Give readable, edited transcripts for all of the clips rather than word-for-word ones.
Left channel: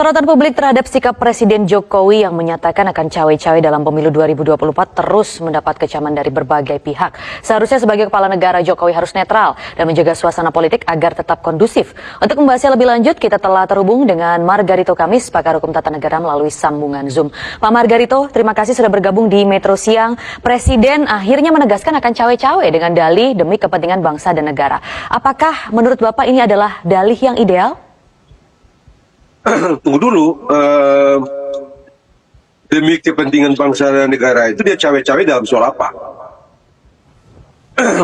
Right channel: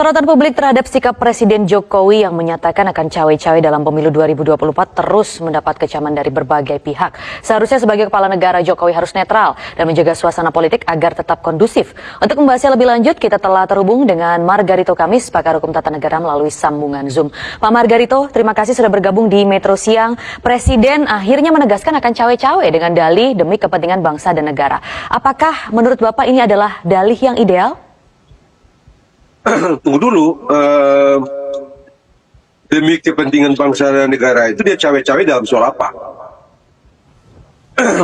Sorotan publik terhadap sikap Presiden Jokowi yang menyatakan akan cawe-cawe dalam pemilu 2024 terus mendapat kecaman dari berbagai pihak. Seharusnya sebagai kepala negara, Jokowi harus netral dan menjaga suasana politik agar tetap kondusif. Untuk membahasnya lebih lanjut, kita telah terhubung dengan Margarito Kamis, pakar hukum tata negara melalui sambungan Zoom. Pak Margarito, terima kasih sudah bergabung di Metro Siang. Presiden akhirnya menegaskan akan cawe-cawe dengan dalih demi kepentingan bangsa dan negara. Apakah menurut Bapak ini adalah dalih yang ideal? Tunggu dulu, demi kepentingan bangsa dan negara itu dia cawe-cawe dalam soal apa?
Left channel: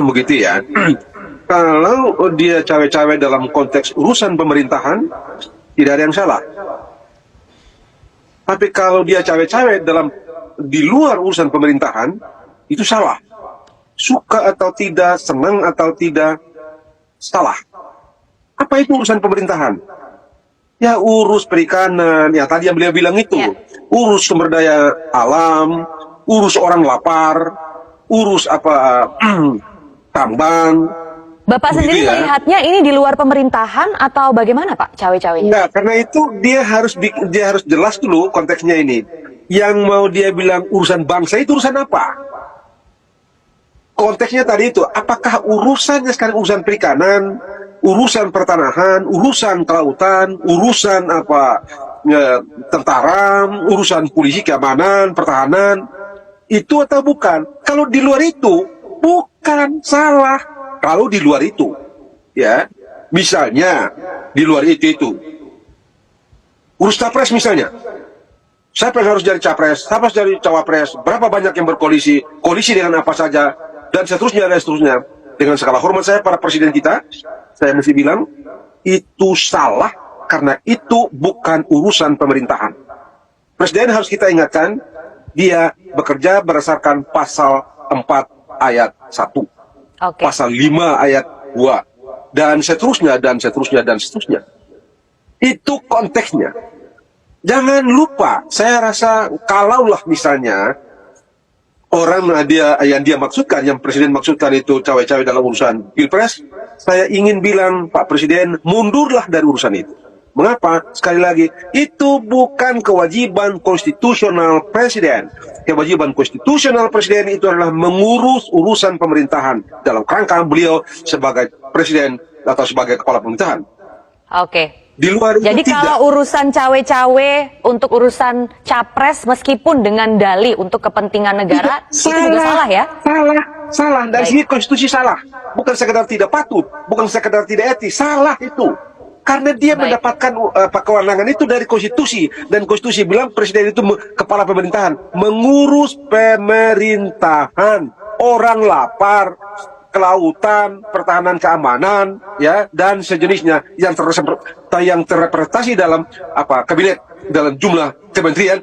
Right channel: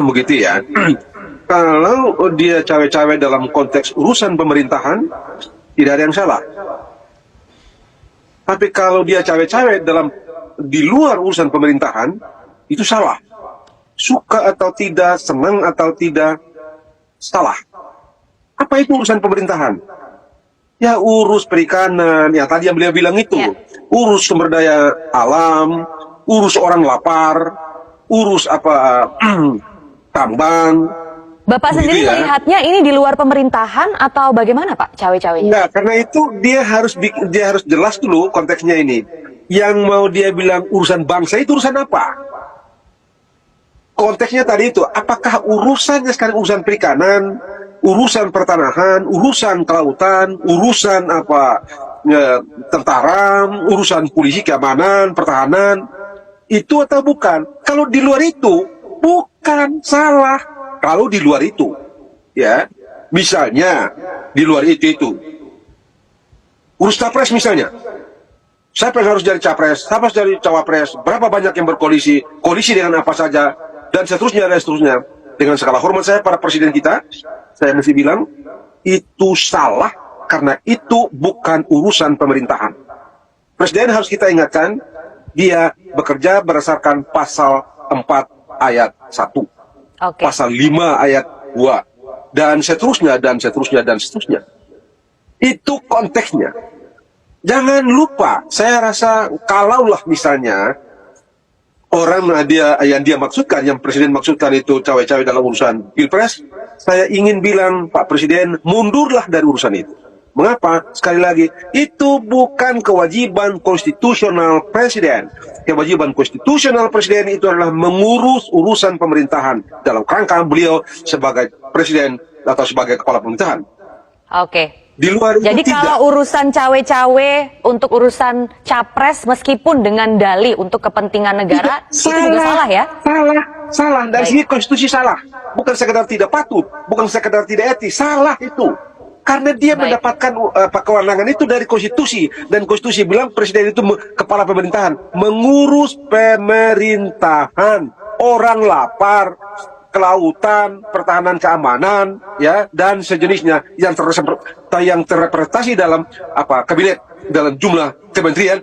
Begitu ya. Kalau dia cawe-cawe dalam konteks urusan pemerintahan, tidak ada yang salah. Tapi kalau dia cawe-cawe di luar urusan pemerintahan, itu salah. Suka atau tidak, senang atau tidak, salah. Apa itu urusan pemerintahan? Ya urus perikanan, yang tadi yang beliau bilang itu, urus sumber daya alam, urus orang lapar, urus tambang. Bapak sendiri melihatnya ini di luar pemerintahan atau bagaimana Pak cawe-cawe? Enggak, karena itu dia harus jelas dulu konteksnya ini. Yang mau dia bilang urusan bangsa itu urusan apa? Konteksnya tadi itu, apakah urusannya sekarang urusan perikanan, urusan pertanahan, urusan kelautan, urusan tentara, urusan polisi keamanan, pertahanan, itu atau bukan? Kalau di luar itu, bukan salah. Kalau di luar itu, ya, misalnya di luar itu, urus capres misalnya, siapa yang harus jadi capres, siapa yang jadi cawapres, berapa banyak yang berkoalisi, koalisi dengan apa saja, dan seterusnya dan seterusnya. Dengan segala hormat saya para presiden kita, saya mesti bilang, itu salah karena itu bukan urusan pemerintahan. Presiden harus kita ingatkan, dia bekerja berdasarkan pasal 4 ayat 1. Pasal 5 ayat 2. Dan seterusnya, dan seterusnya, dan seterusnya. Itu konteksnya. Jangan lupa, saya rasa kalaulah misalnya, orang yang dia maksudkan, yang presiden maksudkan itu cawe-cawe dalam urusan pilpres, saya ingin bilang Pak Presiden mundurlah dari urusan itu. Mengapa? Sekali lagi, itu bukan kewajiban konstitusional presiden. Kewajiban konstitusional presiden itu adalah mengurus urusan pemerintahan dalam kerangka beliau sebagai presiden atau sebagai kepala pemerintahan. Di luar Jadi itu kalau tidak. urusan cawe-cawe untuk urusan capres meskipun dengan dalih untuk kepentingan negara, itu juga salah ya? Salah. Dari segi konstitusi salah. Bukan sekedar tidak patut, bukan sekedar tidak etis, salah itu. Karena dia mendapatkan kewenangan itu dari konstitusi. Dan konstitusi bilang presiden itu kepala pemerintahan. Mengurus pemerintahan. Orang lapar, kelautan, pertahanan keamanan, ya, dan sejenisnya yang terrepresentasi dalam kabinet, dalam jumlah kementerian,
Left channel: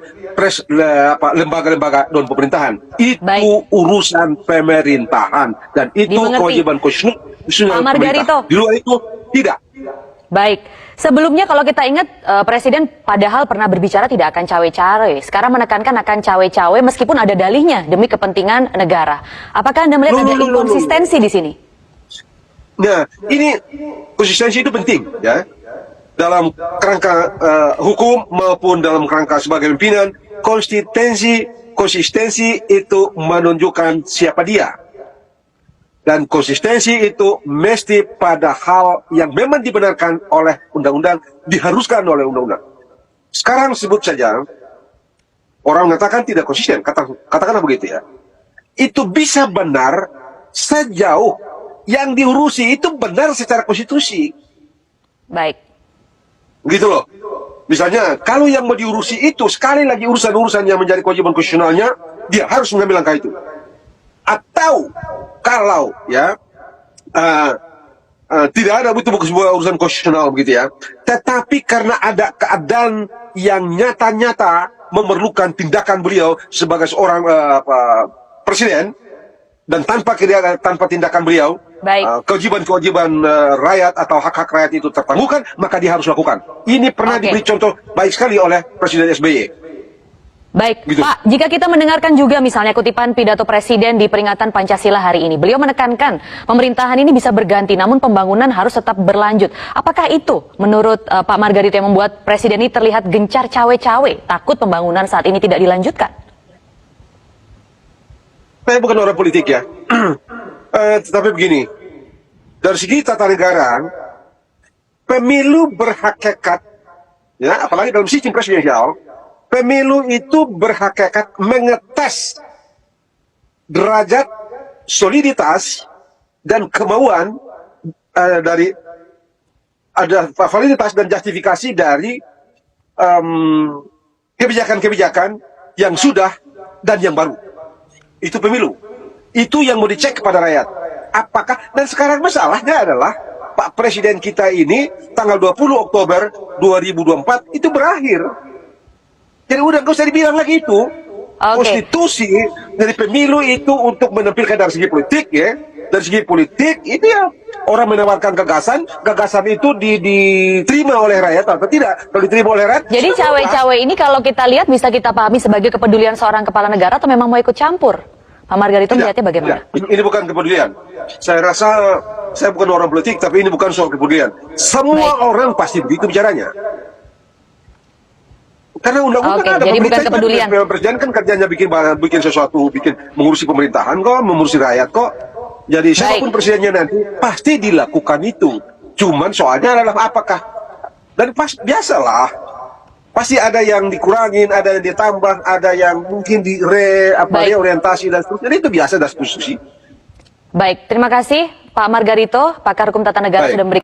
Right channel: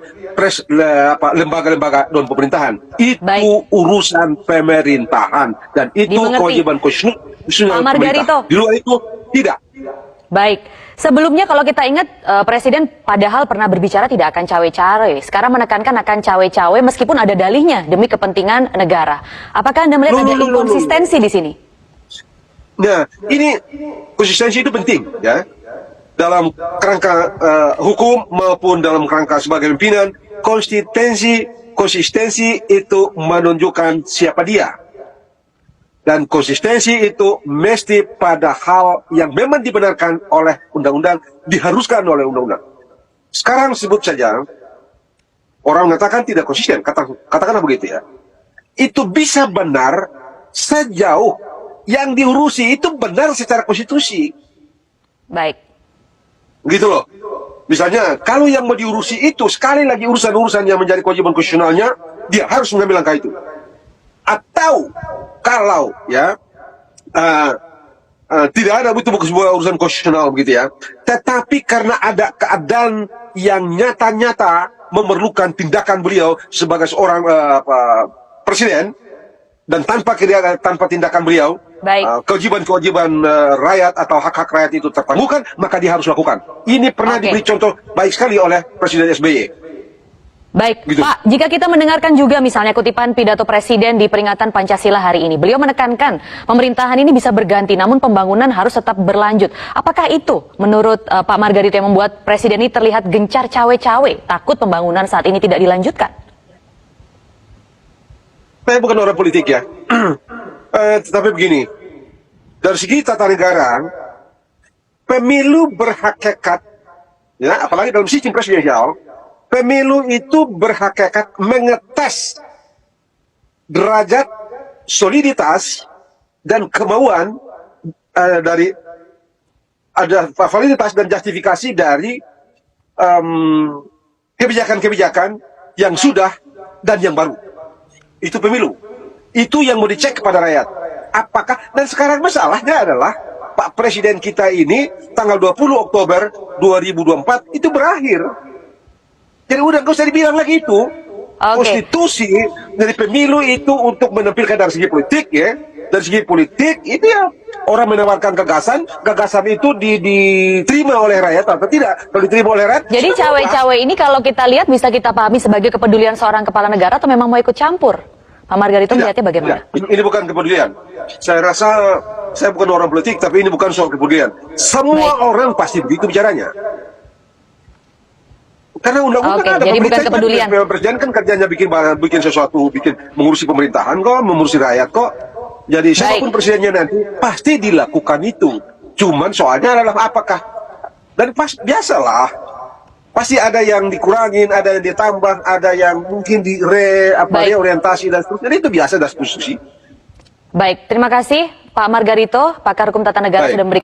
lembaga-lembaga non pemerintahan. Itu urusan pemerintahan dan itu kewajiban konstitusional pemerintah. Di luar itu tidak. Baik, sebelumnya kalau kita ingat Presiden padahal pernah berbicara tidak akan cawe-cawe. Sekarang menekankan akan cawe-cawe meskipun ada dalihnya demi kepentingan negara. Apakah Anda melihat ada inkonsistensi di sini? Nah, ini konsistensi itu penting ya. Dalam kerangka hukum maupun dalam kerangka sebagai pimpinan, konsistensi itu menunjukkan siapa dia. Dan konsistensi itu mesti pada hal yang memang dibenarkan oleh undang-undang, diharuskan oleh undang-undang. Sekarang sebut saja, orang mengatakan tidak konsisten, katakanlah begitu ya. Itu bisa benar sejauh yang diurusi itu benar secara konstitusi. Baik. Gitu loh. Misalnya, kalau yang mau diurusi itu, sekali lagi urusan-urusan yang menjadi kewajiban konstitusionalnya, dia harus mengambil langkah itu. Atau kalau ya tidak ada betul-betul sebuah urusan konstitusional begitu ya, tetapi karena ada keadaan yang nyata-nyata memerlukan tindakan beliau sebagai seorang presiden, dan tanpa tindakan beliau, kewajiban-kewajiban rakyat atau hak-hak rakyat itu tertangguhkan, maka dia harus lakukan. Ini pernah diberi contoh baik sekali oleh Presiden SBY. Baik, Gitu. Pak, jika kita mendengarkan juga misalnya kutipan pidato Presiden di peringatan Pancasila hari ini, beliau menekankan pemerintahan ini bisa berganti, namun pembangunan harus tetap berlanjut. Apakah itu menurut Pak Margarito yang membuat Presiden ini terlihat gencar cawe-cawe, takut pembangunan saat ini tidak dilanjutkan? Saya bukan orang politik ya. Tetapi begini, dari segi tata negara, pemilu berhakikat, ya, apalagi dalam sistem presidensial, pemilu itu berhakikat mengetes derajat soliditas dan kemauan dari validitas dan justifikasi dari kebijakan-kebijakan yang sudah dan yang baru. Itu pemilu. Itu yang mau dicek kepada rakyat. Apakah, dan sekarang masalahnya adalah Pak Presiden kita ini tanggal 20 Oktober 2024 itu berakhir. Jadi udah nggak usah dibilang lagi itu. Konstitusi dari pemilu itu untuk menampilkan dari segi politik ya. Dari segi politik itu ya orang menawarkan gagasan itu diterima oleh rakyat atau tidak. Kalau diterima oleh rakyat. Jadi cawe-cawe ini kalau kita lihat bisa kita pahami sebagai kepedulian seorang kepala negara atau memang mau ikut campur? Pak Margarito melihatnya bagaimana? Ini bukan kepedulian. Saya rasa saya bukan orang politik tapi ini bukan soal kepedulian. Semua orang pasti begitu bicaranya. Karena undang-undang ada. Jadi bukan kepedulian. Presiden kan kerjanya bikin sesuatu, mengurusi pemerintahan kok, mengurusi rakyat kok. Jadi siapapun presidennya nanti pasti dilakukan itu. Cuman soalnya adalah apakah? Dan biasalah. Pasti ada yang dikurangin, ada yang ditambah, ada yang mungkin reorientasi dan seterusnya. Itu biasa dalam konstitusi. Baik, terima kasih Pak Margarito, pakar hukum tata negara sudah memberikan